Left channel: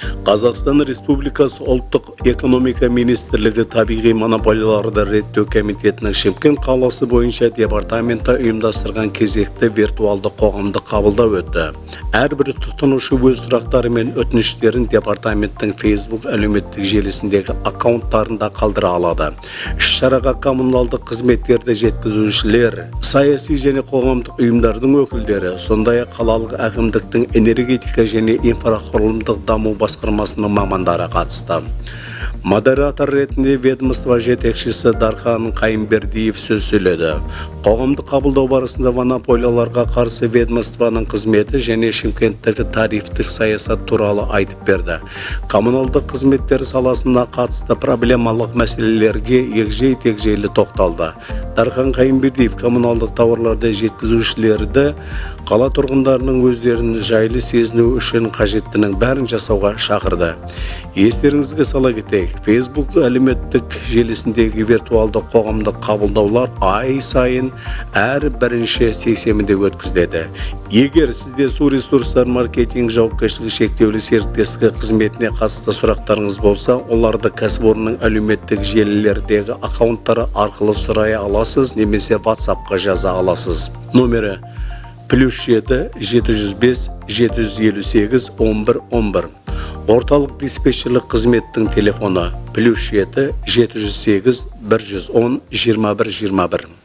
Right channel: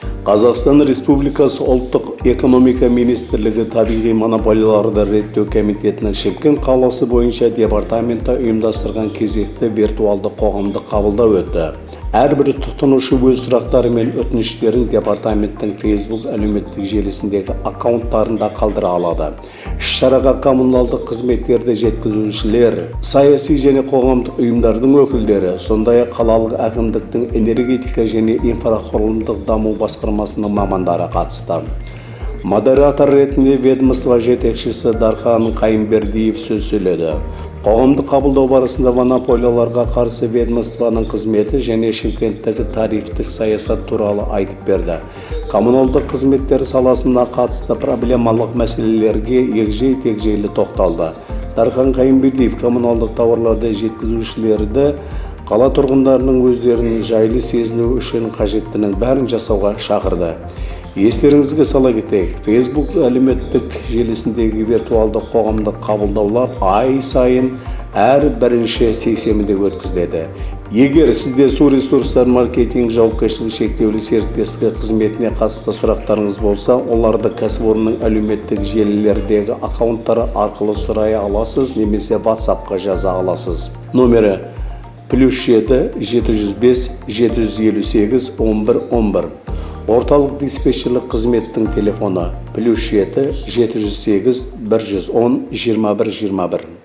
Қазақстан Республикасы ұлттық экономика министрлігі табиғи монополияларды реттеу комитетінің Шымкент қаласы бойынша департаменті ұйымдастырған кезекті виртуалды қоғамдық қабылдау өтті. Әрбір тұтынушы өз сұрақтары мен өтініштерін департаменттің Facebook әлеуметтік желісіндегі аккаунттарында қалдыра алады. Іс-шараға коммуналдық қызметтерді жеткізушілер, саяси және қоғамдық ұйымдардың өкілдері, сондай-ақ қалалық әкімдіктің энергетика және инфрақұрылымдық даму басқармасының мамандары қатысты. Модератор ретінде ведомство жетекшісі Дархан Қайынбердиев сөз сөйледі. Қоғамдық қабылдау барысында монополияларға қарсы ведомствоның қызметі және Шымкенттегі тарифтік саясат туралы айтып берді. Коммуналдық қызметтер саласына қатысты проблемалық мәселелерге егжей-тегжейлі тоқталды. Дархан Қайынбердиев коммуналдық тауарларды жеткізушілерді қала тұрғындарының өздерін жайлы сезіну үшін қажеттінің бәрін жасауға шақырды. Естеріңізге сала кетейік, Facebook әлеуметтік желісіндегі виртуалды қоғамдық қабылдаулар ай сайын әр бірінші сейсенбіде өткізіледі. Егер сізде су ресурстар маркетинг жауапкершілігі шектеулі серіктестігі қызметіне қатысты сұрақтарыңыз болса, оларды кәсіпорынның әлеуметтік желілердегі аккаунттары арқылы сұрай аласыз, немесе WhatsApp-қа жаза аласыз. Номері +7 705 758 11 11. Орталық диспетчерлік қызметтің телефоны +7 708 110 21 21.